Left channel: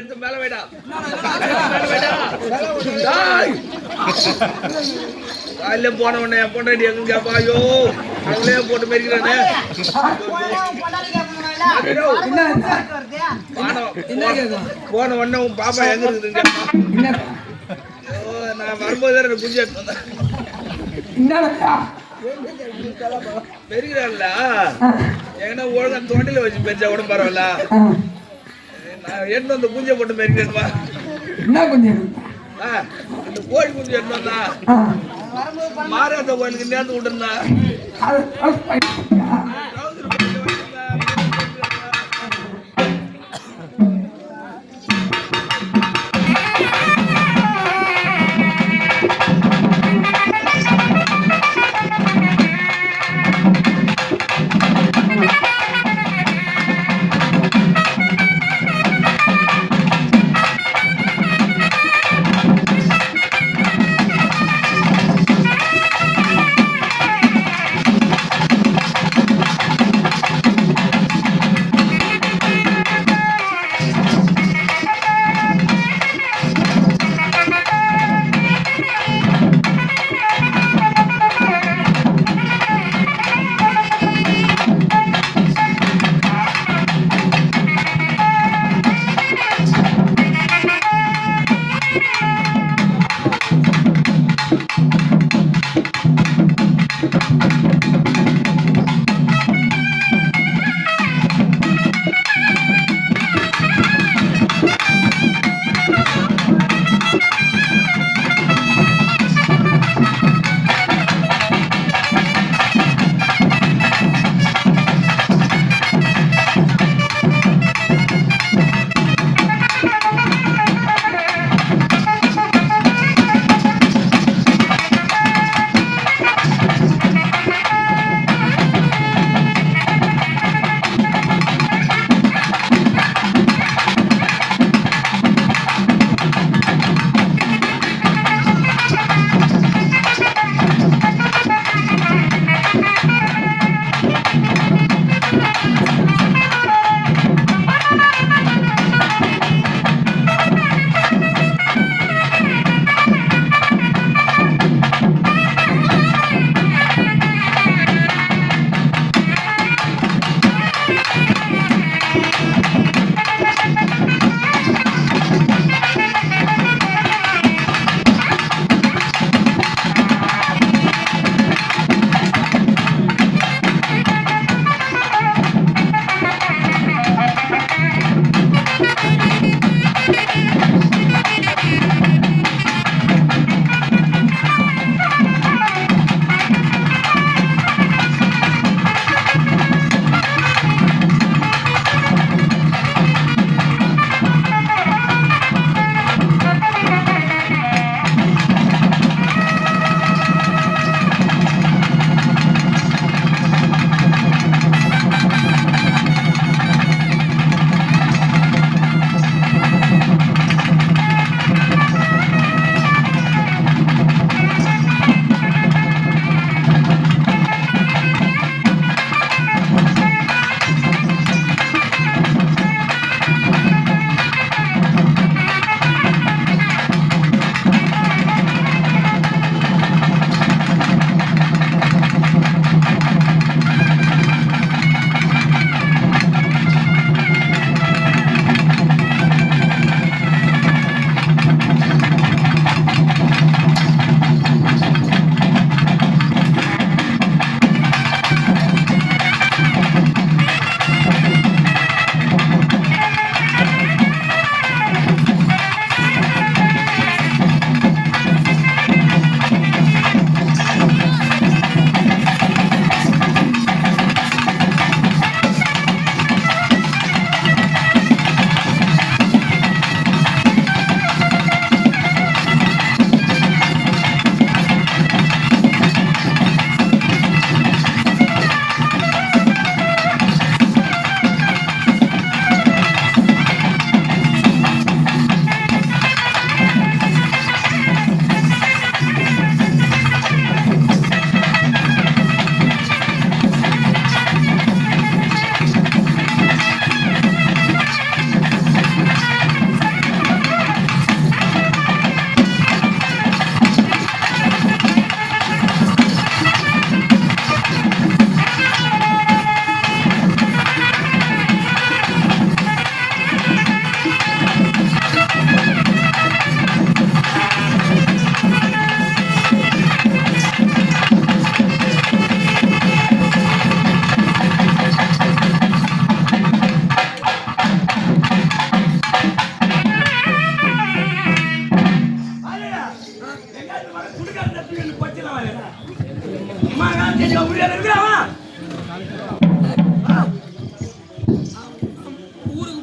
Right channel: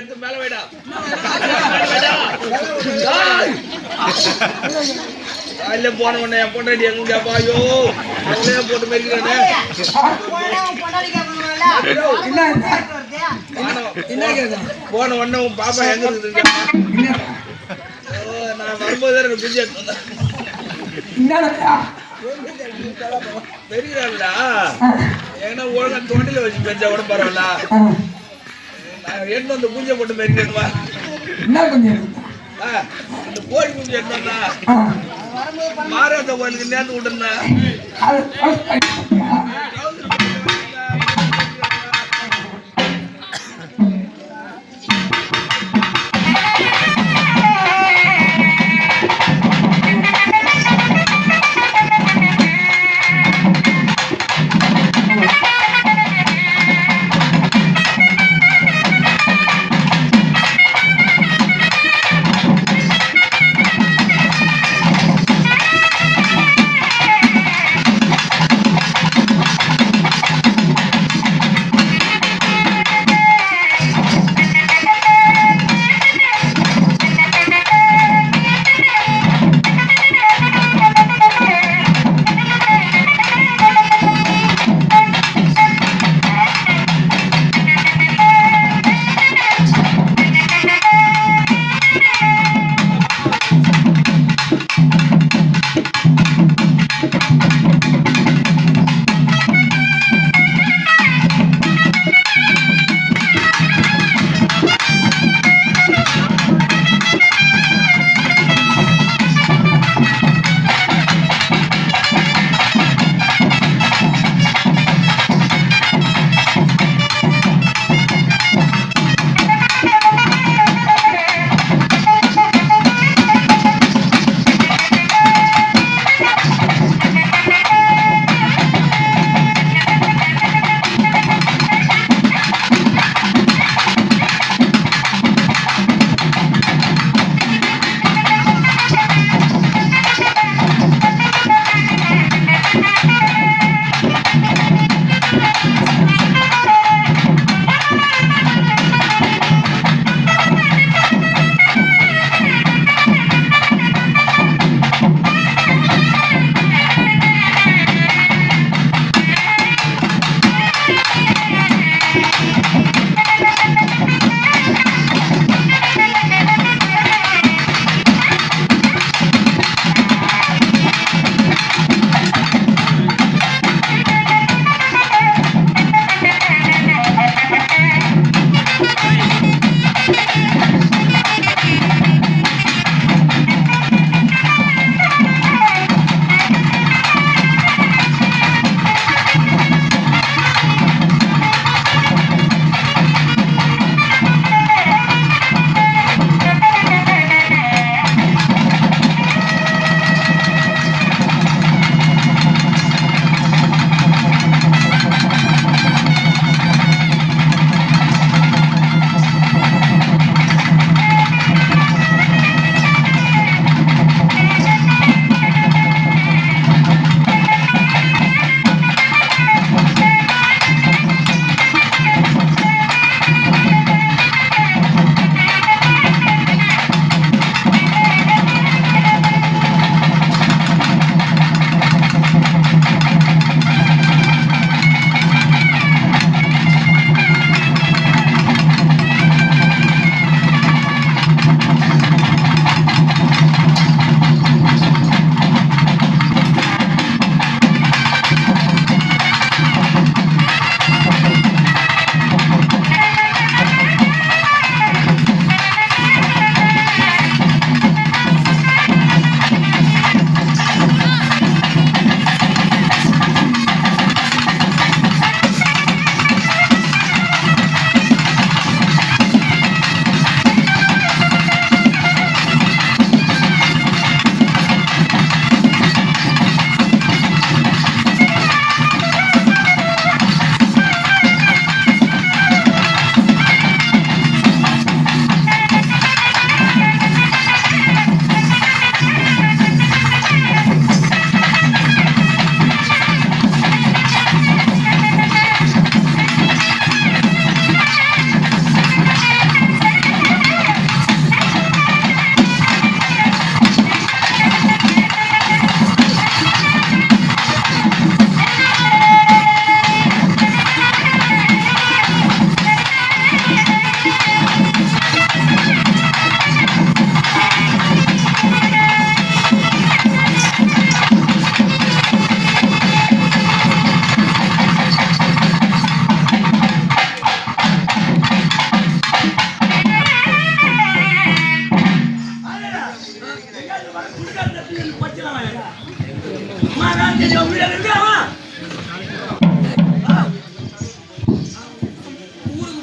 எடுத்து மேல வைடா காலையில போன உடனே என் பொண்டாடி எங்க கேப்பா ஐயோ அவங்களே போட்டு மெரிக்கிறானே போன உடனே உன் பாப்பா எங்க இருக்குது கேப்பா நான் வரும்போது குஞ்சு எடுத்து வந்தேன் பெரியல ஏன்னா ஒழுங்கா தொண்டில வச்சு பெஞ்சா கூட பரவாயில்ல நான் எடுத்து வந்து குஞ்சை போட்டு மெரிக்கிறேன்வா இந்த கோழி குஞ்சு எடுத்து வந்தா மாறாத கோயிலுக்கு நேர்ந்து விட்டுருந்தா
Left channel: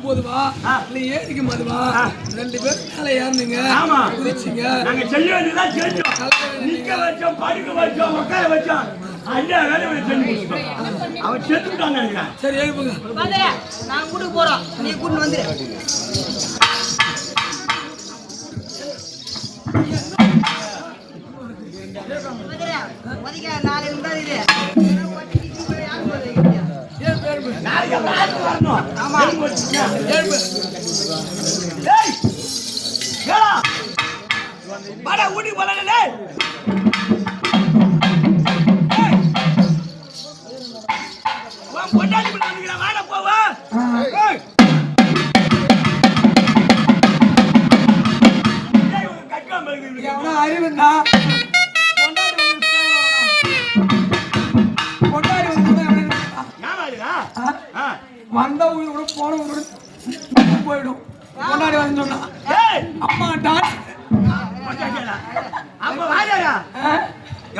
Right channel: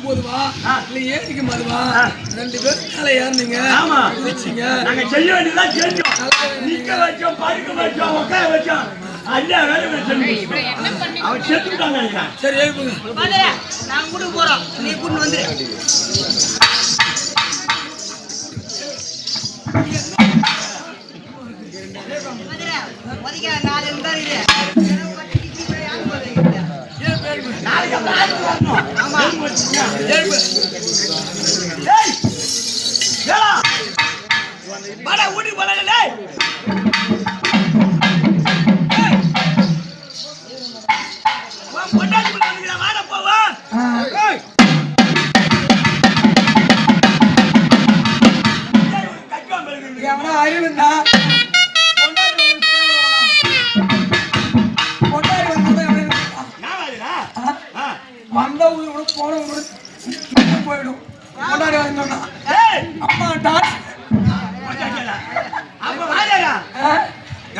போதுவா இல்ல ஏரிக்கு மதுவா 2 பேரும் மேல ஏறினீங்க குதிச்சீங்க நாங்க செய்ய வேண்டியதான் செஞ்சோம் நிக்க வச்சோம் படுக்க வச்சோம் உட்கார வச்சோம் ஐயா வேலை செஞ்சு அவன் செத்துட்டாங்க நினைக்கிறேன் சரி எழுப்புங்க நாங்க கூட்டு போறோம் நீ கூட்டு வந்து ஊட்டி போல பொண்டாட்டி வாட போவா அறிவுண்டா வந்தவங்க போனவங்க போயிடும் கொண்டாடி வந்து அம்மா டான்ஸ்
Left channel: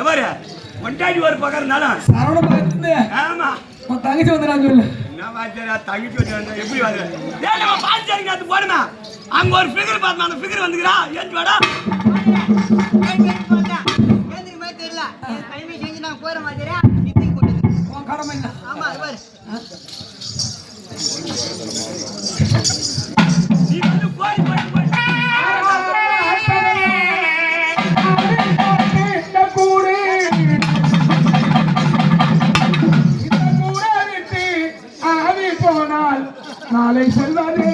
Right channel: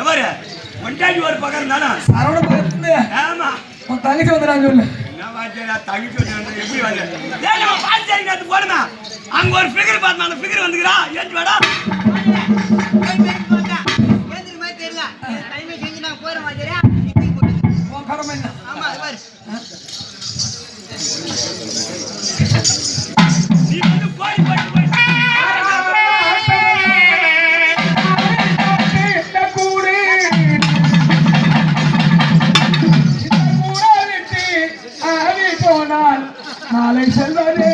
எவரு கொண்டாடி ஒரு பக்கம் இருந்தாலும் சரவண பக்கத்துல ஆமா தங்கச்சி வந்துடான்னு சொல்லு தங்கச்சி வந்து எப்படி வந்து பாத்து போடுமா அங்க ஒரு ஃபிகர் பார்த்தா அந்த ஃபிகர் வந்துக்கிறா ஏன் வாடா தெரியல டைமிங் செஞ்சு நாங்க போற மாதிரி கடமை என்ன ஆமா அது பாரு நீ வந்து போய் போய் போய் நாளை செல்வதே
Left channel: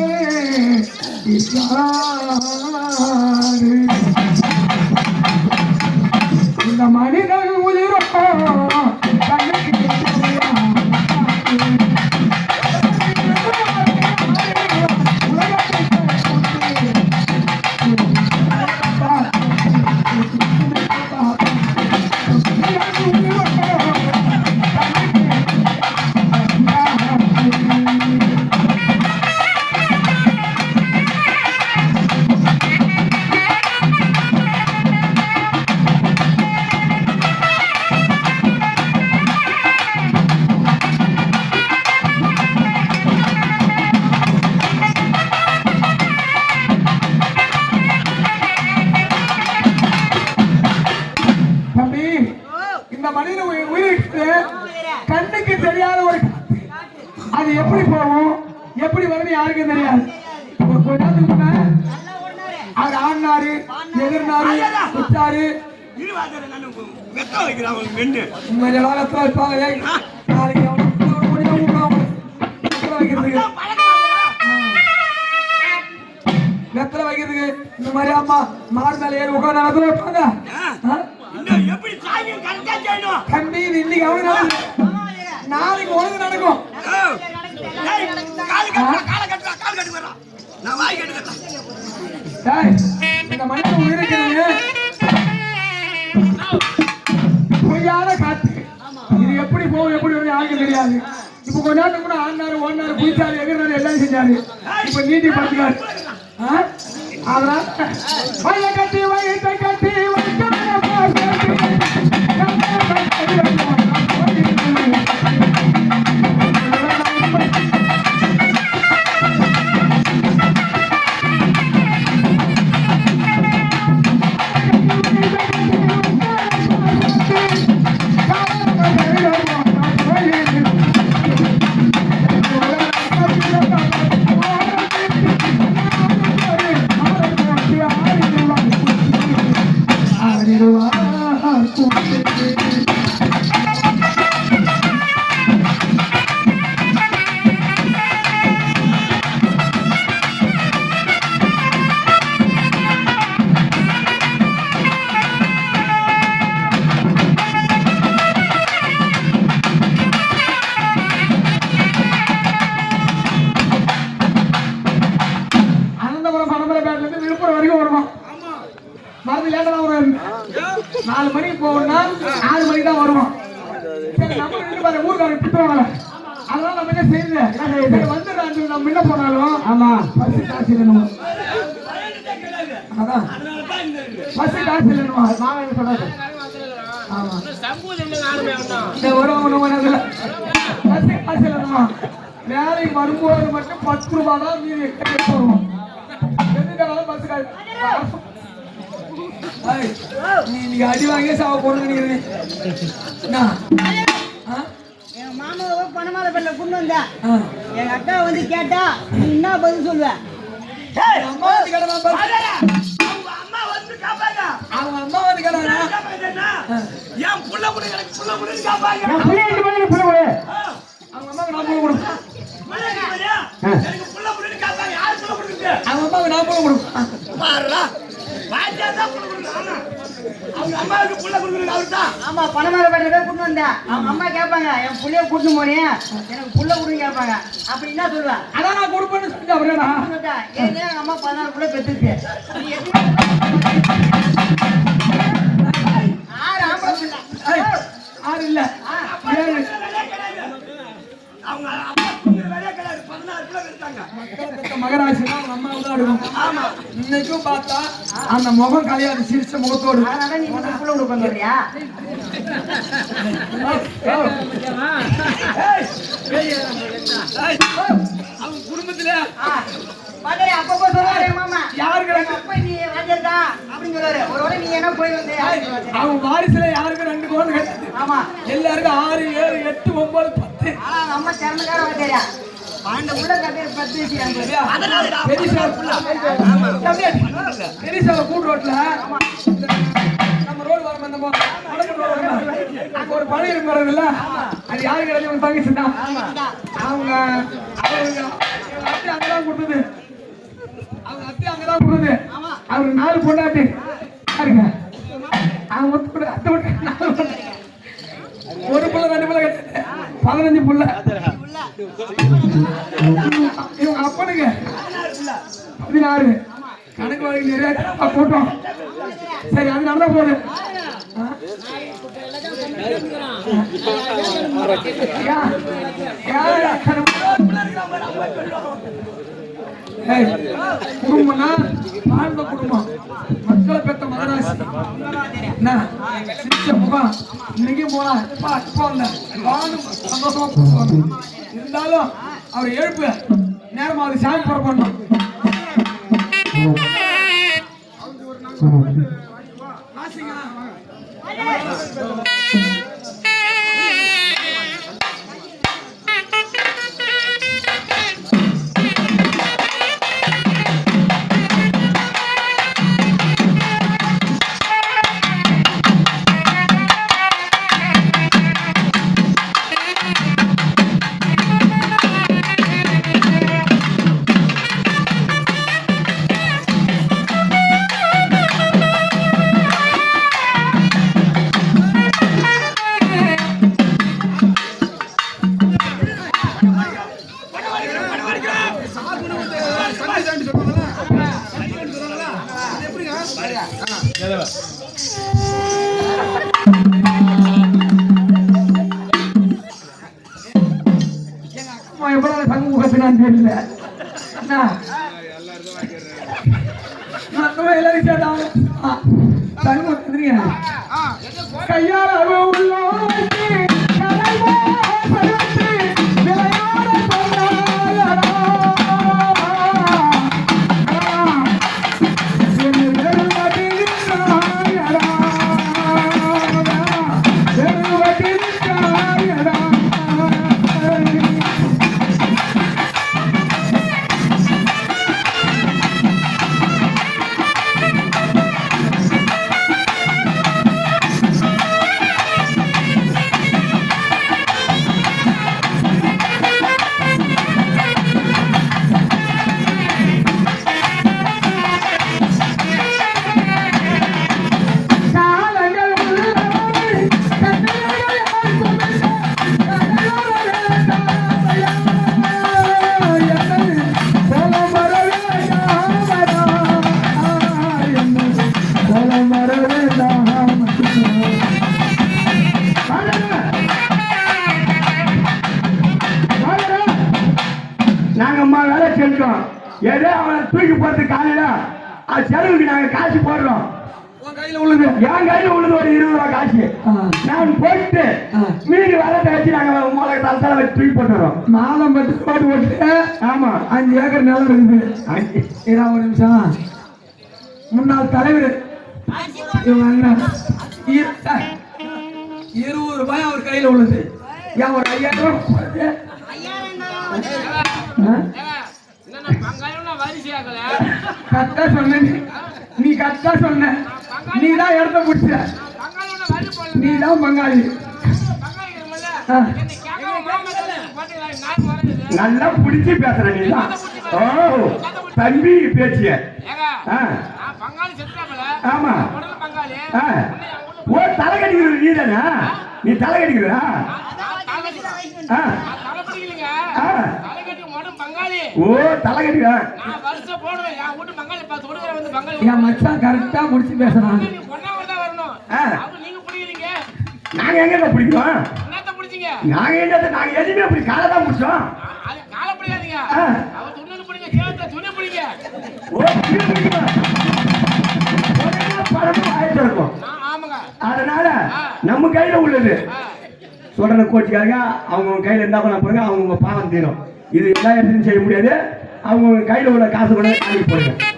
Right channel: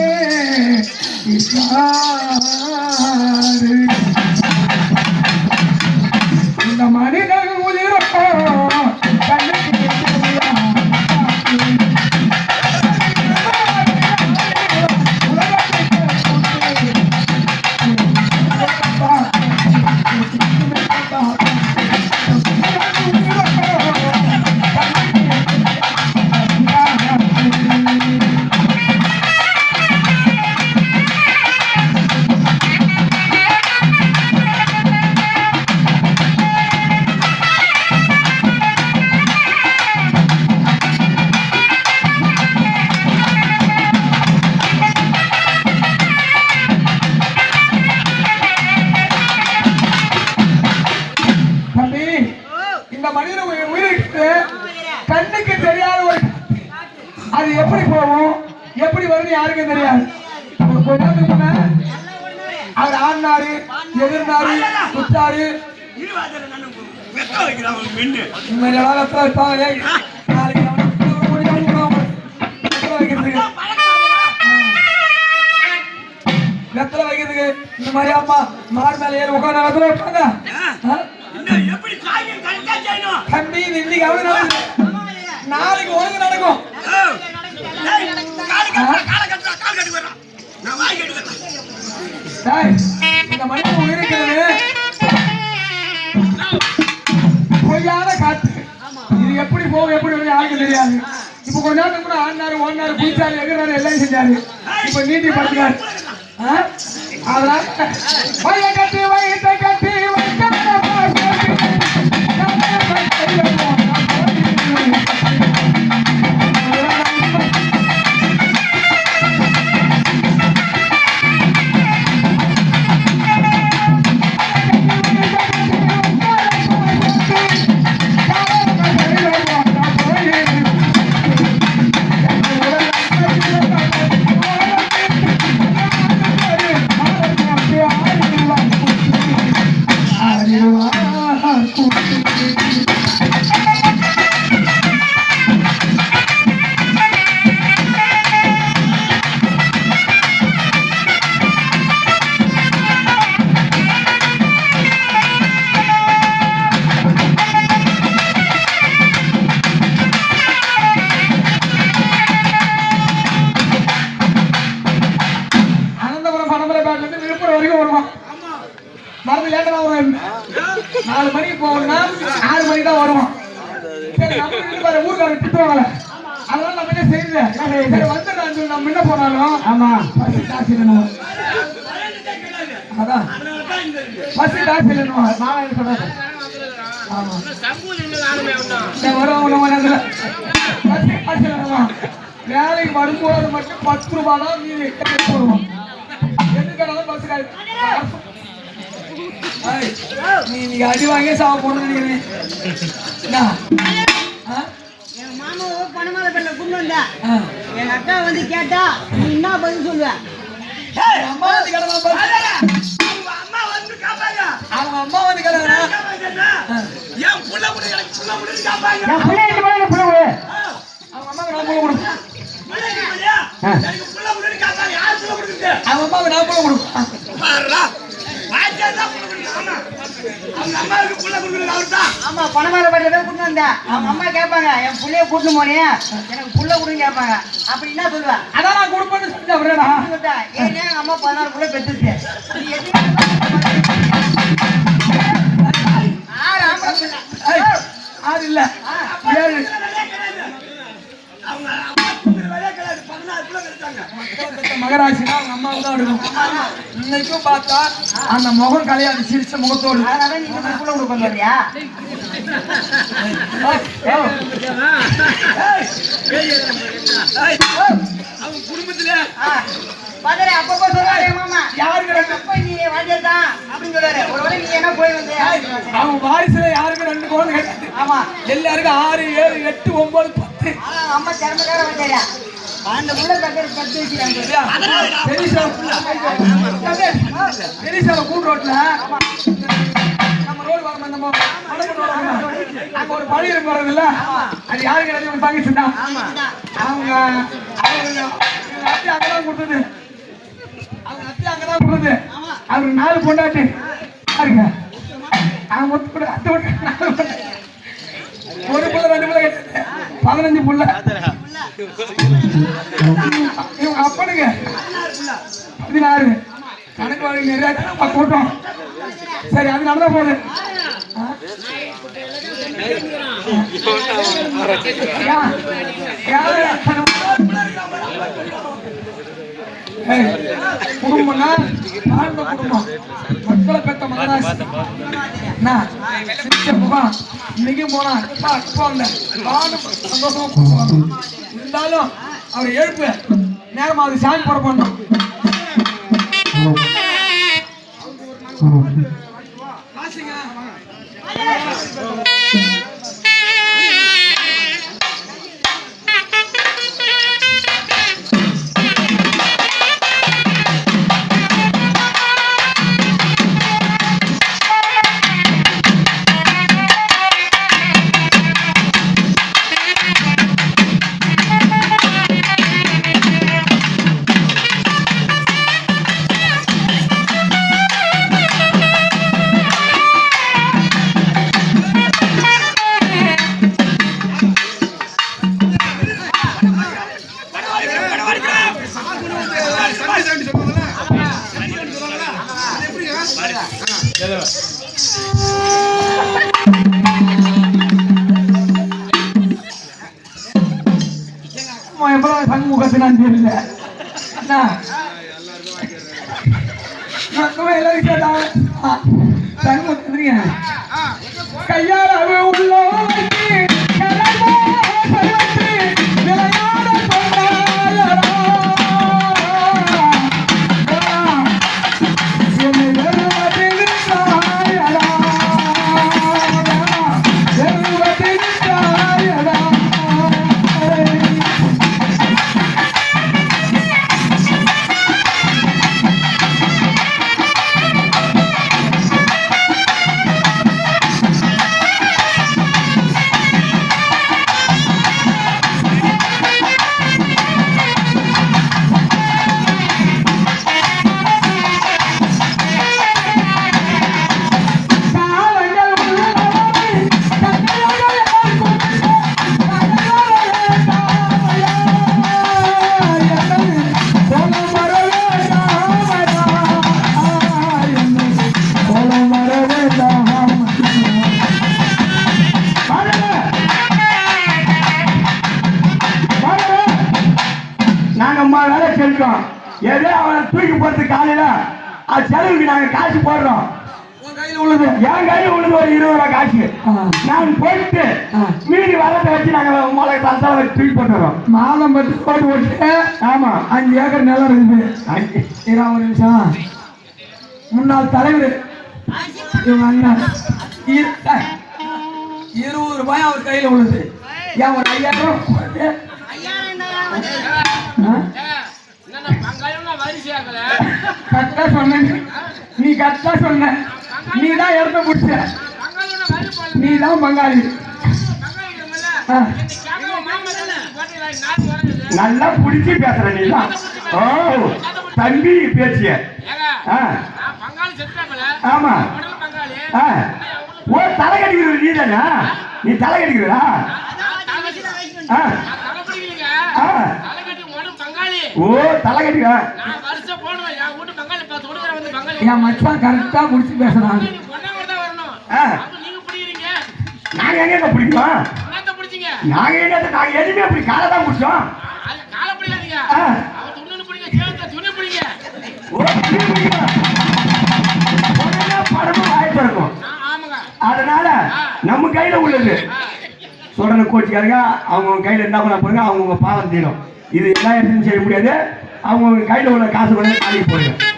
இந்த மனிதன் உயிரோ கண்ணுக்கு தெரியாத ஒரு அது எப்படி போகும் எப்படி வரும்னு யாருக்கும் தெரியாது அவர் ஆடினாரு எதிர்னாரு குத்தாரு வெத்தலை வைக்கிறதுக்கு இந்த மாதிரி அம்மா மாடு மேல ஏறி உட்காந்து வைப்பாங்க தம்பி இன்னைக்கு அவங்க நாளைக்கு ஒழுங்கு நடக்கும் இந்த மனிதன் உயிரிக்கிறது பொய்யான காத்து இது எப்படி போகும் எப்படி வந்து யாருக்கு தெரியாது இப்ப கொஞ்ச நேரத்துக்கு கூட ஆடினாரு ஓடினாரு குளிச்சாரு எதிர்னாரு எல்லாம் செஞ்சாரு இப்ப நீட்டி பார்த்துக்காரு அதனால கட்டி வயிற்றை கட்டி மருந்து லேட்டா வரும் 4 மணிக்கு போகணும்னா 6 மணிக்கு தான் வருவோம் ஊருக்காரங்க திட்டுவாங்க அதனால நம்ம என்ன செய்யல வந்து நம்ம முன்ன போனாலும் ஆமா பஸ் டாக்ஸி இல்லைன்னு அதான் பஸ் டாக்ஸி இல்லைன்னு நான் என்ன சொல்றது ஆமா வரும் பஸ் டாக்ஸி இல்லைன்னு வேலைக்கு வரும் வரும்போது மட்டும் 10 ரூபாய் தான் மீதி போடுவோம். எதுக்காக பஸ் கால் நீ இன்னைக்கு அடி வாங்கி சாவ போடணும். எங்க மாமாவை பணமால பண்ண கொண்டு வந்தா எங்க அக்கா வந்து கேட்டா நீ என்ன பதில் சொல்லுவ? அம்மா வந்து கேட்டா அவங்க அம்மா வந்து கேட்டா ஏன் புள்ள புள்ள எனக்கு புள்ள புள்ளன்னு கேட்பாங்க. அவங்க அம்மாவுக்கு நான் போட கொடுப்பேன். எனக்கு புள்ள புள்ளன்னு கேட்பாங்க. யார் புள்ள கொடுக்குது? அவங்க அம்மாவுக்கு நான் போட கொடுப்பேன். பாருடா பாஜா தான் புள்ள கொடுக்குறாங்க. அவங்க அம்மாவுக்கு புள்ள கொடுக்குறது அவர்தான். ஆமா பணமால பண்ண கொண்டு வந்தா அவங்க அம்மா கேட்பாங்க என் புள்ளைய கூட்டு போனே எனக்கு புள்ள கொடுன்னு கேட்பாங்க. அப்படி என்ன சொல்லுவ? அதான் நான் கொடுப்பேன்னு சொல்லிட்டு அப்படியேடா. ஏன் எங்க அம்மா 16 புள்ள பெற்றுச்சு. ஆறு இல்ல 7. அவங்க அம்மா கொடுக்குற வேலையே கிடையாது. 16 புள்ள பெற்றாங்க. மகராசி அவங்க அம்மாவை தான் எடுக்கணும். இன்னைக்கும் பார்த்தா அந்த முகம் கலையாது சிரிச்ச முகத்தோடு. அதனால நீ புள்ள கொடுக்க வரியா? அவங்க குடும்பத்துல வாடா அப்பப்போ சொல்றாரு மாமா யாருக்கு அப்பா நீ வாடா அப்படின்னு சொல்றாரு. ஒருவேளை நீ என்ன போய் வந்தே அவங்க வாரிசுல யாருக்கு 2 குழந்தை கிடையாது. ஆமா எல்லாருக்கும் 6, 7, 8, 9, 10. ஆனா அவங்க அம்மா திறமைக்கார வாடா 12 புள்ள கட்டற 10 வச்சிருக்காங்க. பெரிசால கூட்டு ரோட்ல நம்ம ரோடு வரணும். அங்க ஒரு பழி இருக்கு பாருங்கல்ல, அது யாரு கிடையாது உங்க தங்கச்சி தான். அவங்க அத்தை அங்கதான் கொடுத்தது. அவங்க அத்தை அங்கதான் கொடுத்தது. அவருக்கு 4 பொண்டாட்டி பாருங்க. அவங்க ஒத்து கூட அத்தை விட்டு 4 பொண்டாட்டி. ஒரு புள்ள 2 புள்ள கிடையாது 15 புள்ள. இவங்க அப்பனுங்க 16. கணக்கு வழக்கு நிறைய கூட்டம். சரி அது நல்லா போகுது. குடும்பம்னா வாழ்ந்த குடும்பம். மக்களை பெற்ற மகராசி முகம் இன்னைக்கு போனா இருந்தாலும் அவர் எழுப்பு நேரம் அது சாமி போட பண்ணணும். எவ்வளவு சமூகத்தினான் தெரியல. எல்லாரும் கேட்டாங்க கையால் உள்ள ஏதோ அவனை தூக்கி போறது காலையில அது செலவுக்கு நாங்க காசு போடுறோம். கையில உள்ளது என் கையில உள்ளது ஒரு 20 ரூபாய் காசு. நான் போயிட்டு மீதி வரத்தை வச்சு நாங்க மொளை தலை வச்சு தூக்கி போட்டுறோம். மாதம் 10 பாட்டு போட்டு. ஆமா 5 ஏக்கர் நிலம் இருக்குது. ஒரு நிமிஷம். முன்னாள் தலைவர் இவங்க அண்ணன் 20 ரூபாய் அவர் கையில உள்ளது. ஏன் ஒரு 5000 ரூபாய் போட்டு கரெக்டா சொன்ன. நீ கரெக்டா சொன்ன. நீ தான் இடத்த பிடிச்ச. நீ தான் பங்காளி. நல்லா பிடிச்சி பேசுற நீ தான். ஓ தம்பி பேச்சிய. ஆமா ஓ தலை கட்டிக்கிறது நீ தானே? நீ தலை கட்டிக்கிறா? ஓ தலை கட்டிக்கா? என் மச்சான் கரெக்டா முடிச்சு பேசுறான். நாங்க எங்க பிடிக்கிறோம்? நாங்க என்னத்த நாங்க எதுவுமே அப்படி காலை தான் பிடிச்சோம். அதனால நம்ம கையில உள்ளது சொல்ற கோச்சிக்காரங்க அவங்க கையில இருந்தா பாருங்க, அவங்க பாவம் தீரும். இது எல்லாம் எதுவும் செய்ய முடியாது. அவங்க கையில உள்ள காசு கூட நாளைக்கு போடுங்க.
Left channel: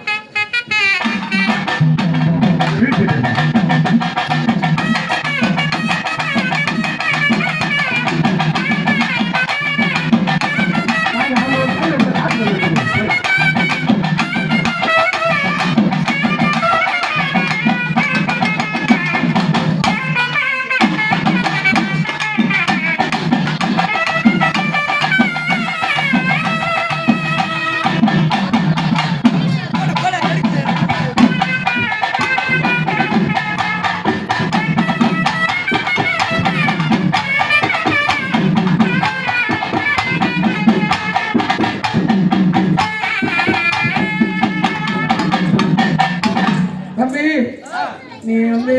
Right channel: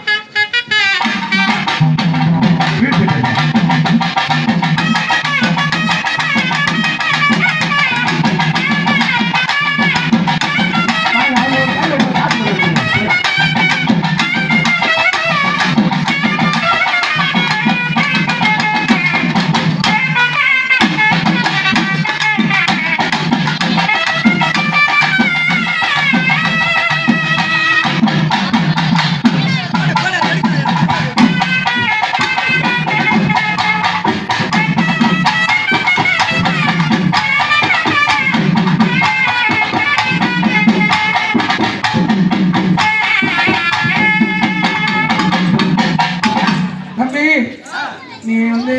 நீ வந்து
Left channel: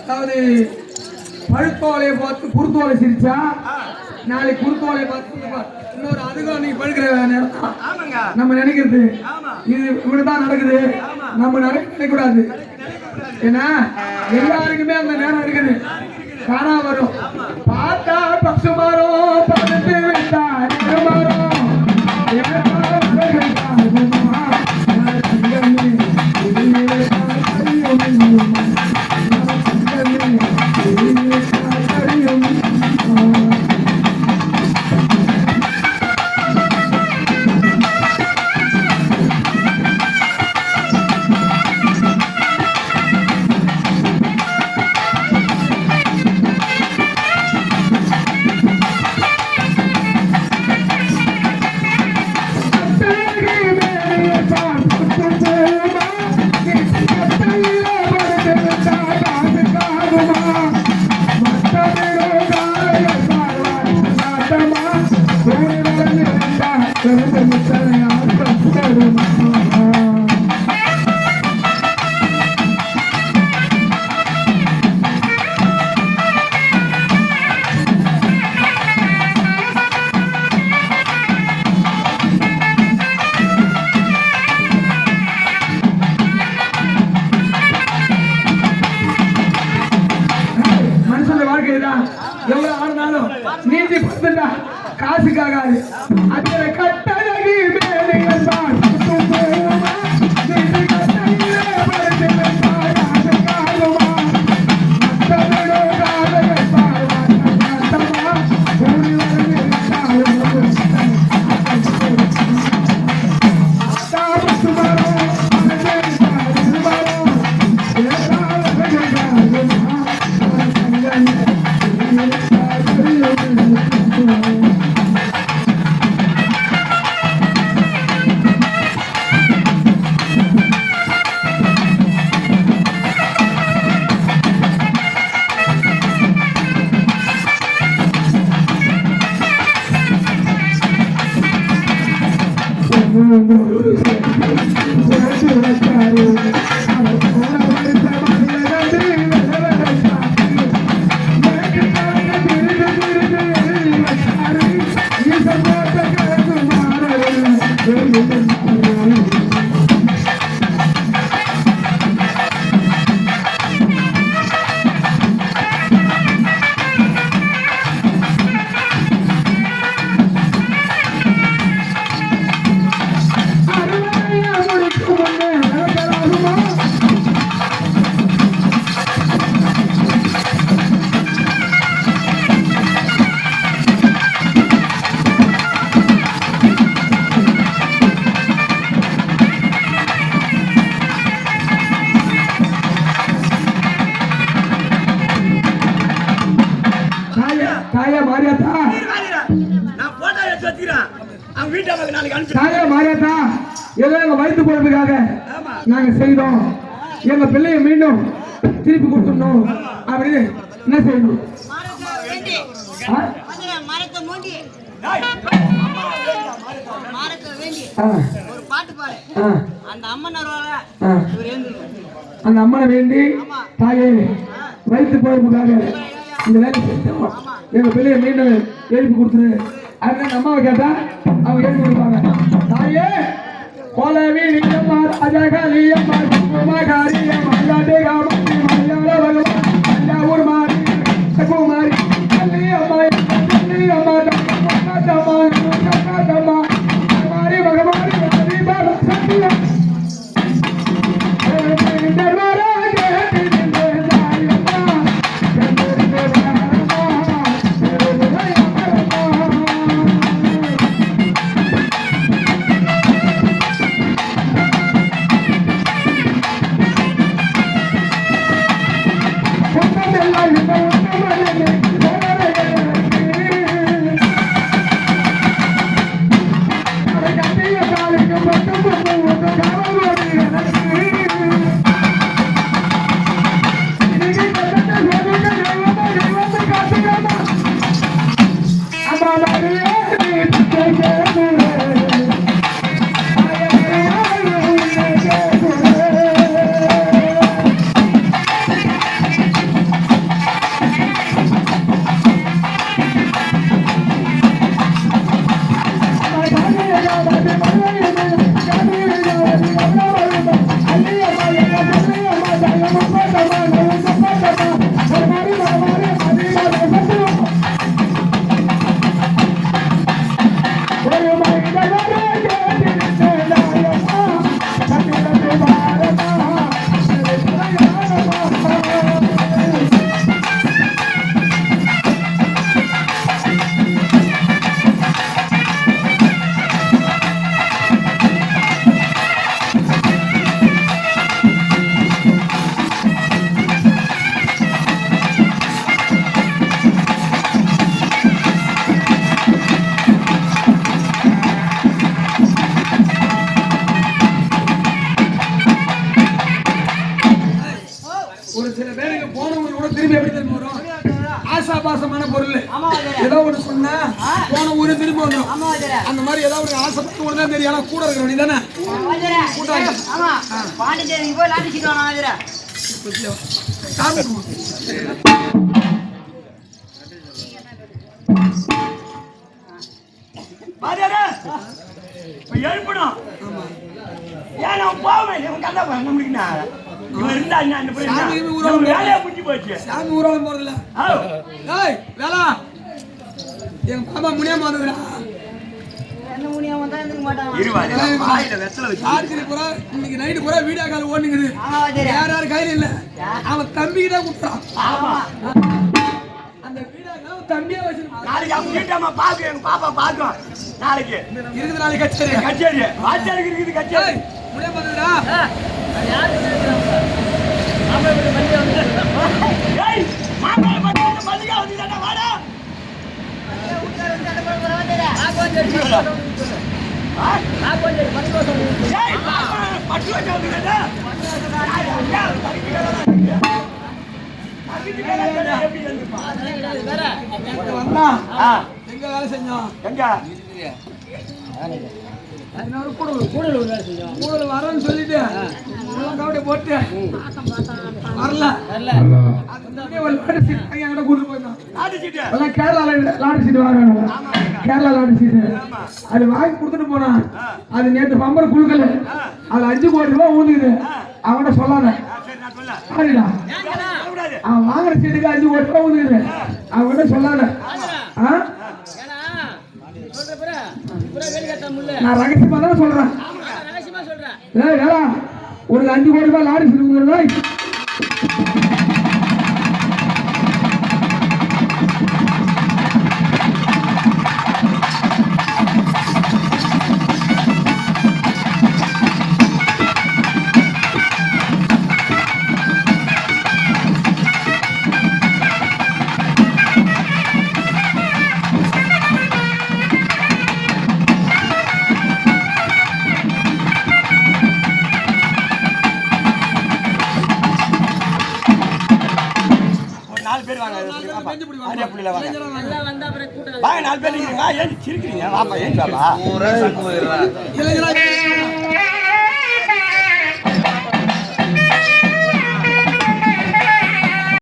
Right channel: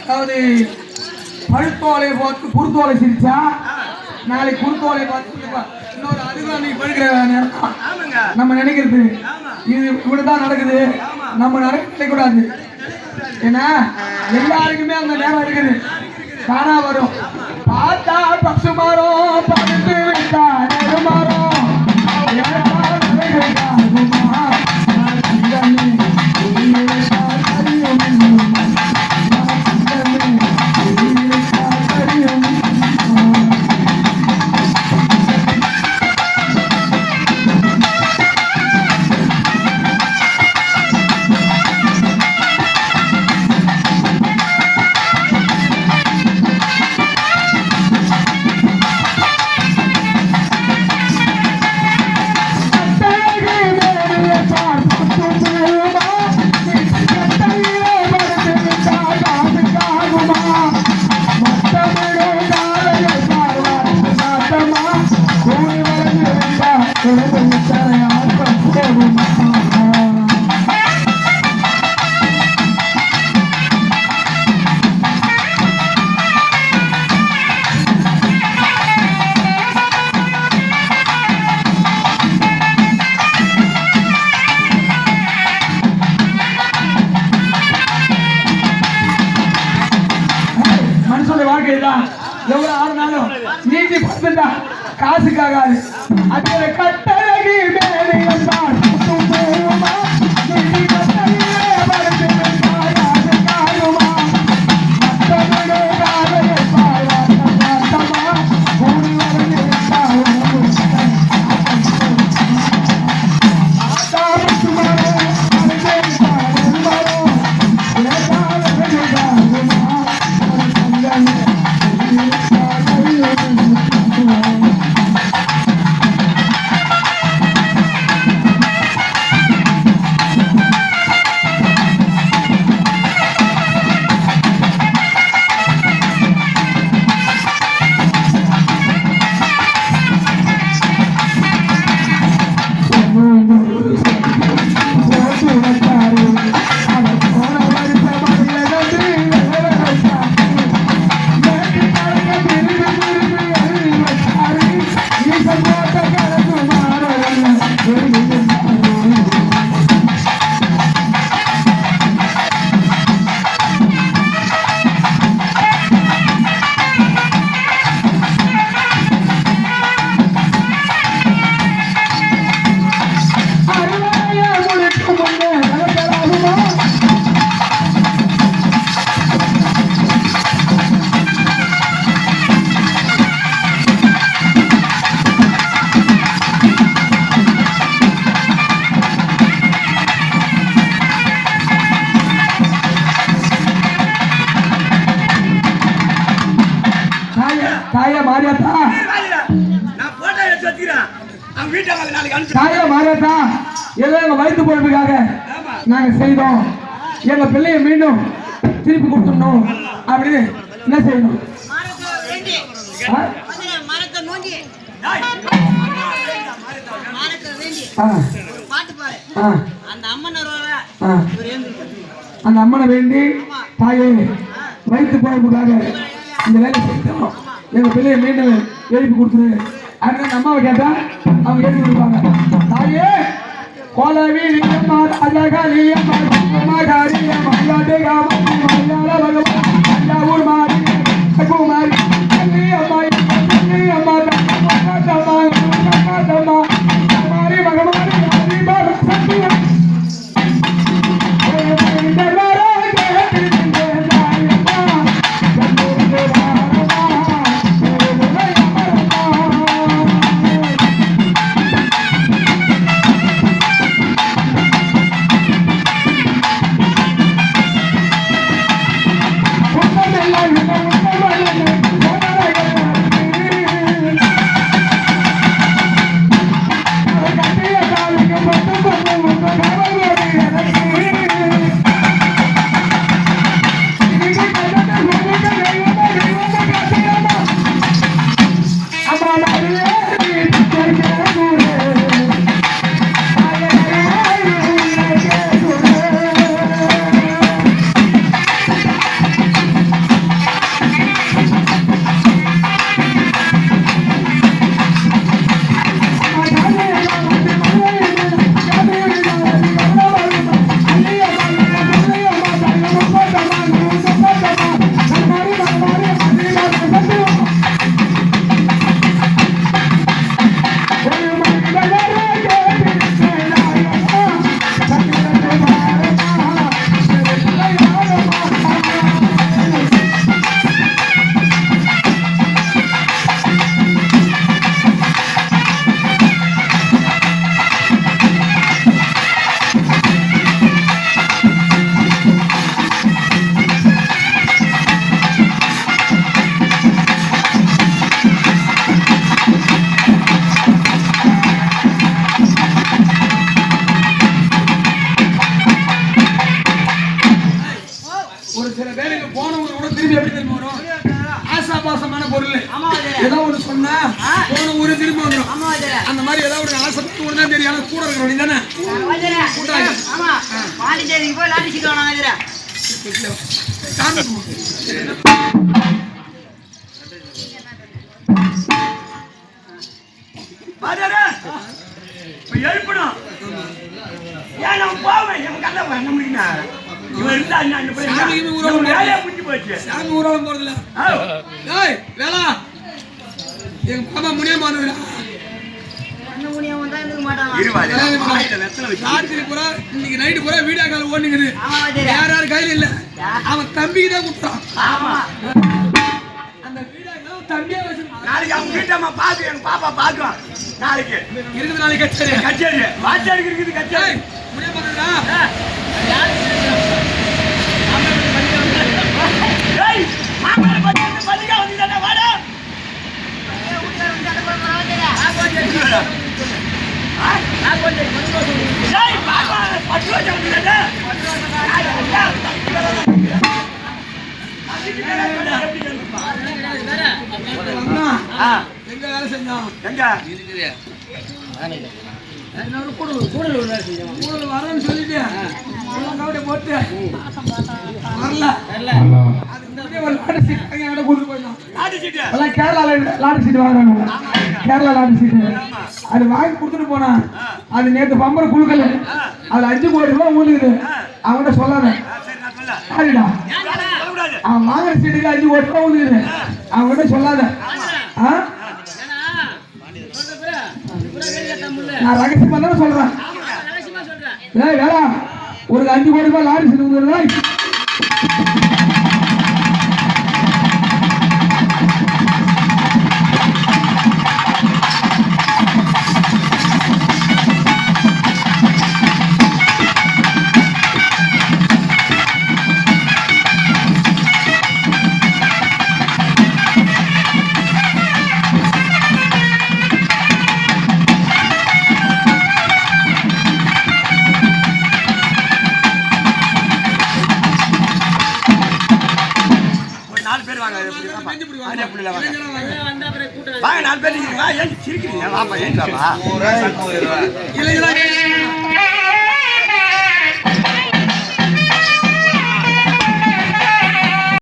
அதாவது பழுத்தோலையை பார்த்து குருத்தோலை சிரிச்சா நாளைக்கு குருத்தோலையை பார்த்து இன்னொரு அதுதான் நீ பழுக்கிற நம்ம நினைக்கிறது. இது இப்படிதான் நடக்குது. நம்ம நினைக்கூடாது. ஏன்னா எல்லாருக்குமே அந்த நேரம் இருக்குது. காணா வரும் பார்த்தா பசு மரம் பக்கத்து எவ்வளவு ஆனாலும் நீதி பத்துண்டா காசுக்காகாது. அதுல கட்டழகி சாகர மாறாட்டா எல்லாம் எங்க வயிற்று பொழுப்புக்காக நாங்க செய்தோம். எங்க பிள்ளையை மீண்டும் திருப்பி கொடுத்துடணும் அப்படின்னு என்ன செய்யணும்? அந்த அம்மனை வேண்டி தாயே வயிற்று பொழுப்புக்காக இந்த வேலை செய்தோம். எங்க பிள்ளையை மீண்டும் எழுப்பி கொடுத்துரு அப்படின்னு அம்மாவை கேட்டா அவங்க எழுதி கொடுப்பாங்க. தாயே கோலவி அஜகாலியம் அந்த மாதிரி ஏதாவது ஆசைப்பட்டு உடனே தெரியும். ஆனா கூட இருக்கிற தானே பாண்டிச்சேரி போய் லாட்டி சீட்டு எழுப்பணும். ஏன் நான் போவேன் என் கதை என்ன முடிக்கணும். சாமி ஊர்வலம் போறதுல வேளா எங்க பாப்பா முடியாம வந்துக்கிறா. இன்னைக்கு நைட்டு பூரா வீடியோ கால் ஓடுங்குது. யார் யார் கையில இல்ல அவன் தம்பிக்கு தான் கொடுத்தான். அந்த வீடியோ கால் தம்பியா வச்சு நாளைக்கு அவங்க வீட்டம்மா பாக்கு எங்க பாப்பா பாக்குவான். நாளைக்கு இருக்குது. நாளைக்கு கச்சேரி கச்சேரி வாத்தியாருக்கு இருக்குது கச்சேரி முடியாம வந்துக்கிறா. மாப்பிள்ளை பள்ளிக்கா வந்து வாடா எங்க வேலை செஞ்சோம். எங்க கூடல் வரேன்னு சொல்லிட்டு கவட்டை போட்டு வரல. ஒரு லாட்டு சீட் கூட்டு போயிடலாம். கேரளா லாட்டு சீட்டு வாங்க. கேரளா லாட்டு சீட்டு அது வாங்கி கொடுத்துட்டு போனா அது நேற்று பம்பரை குழுக்கல. அது 5 கோடி ரூபாய் ஊழுகுது. அவன்கிட்ட சொல்லாத சரிடா. அவன் வாங்குற சீட்டுக்கு 5 கோடி ரூபாய் ஊழுகுது. அவன்கிட்ட சொல்லாத. நான் ரகசியமா தானே சொல்றேன். வேற ஒரு 5 கோடி ரூபாய் லாரி சீட்டு பேர் வாங்க பெஞ்சு பிடி வாங்க. ஆரியா புள்ளில வாங்க இளைஞரா வாங்க. வாங்க 4 பேர் இருக்கீங்க ஏன் சிரிக்கிறீங்க வாப்பா ஏன் வாப்பா ஊரா சங்கம் இளைஞரா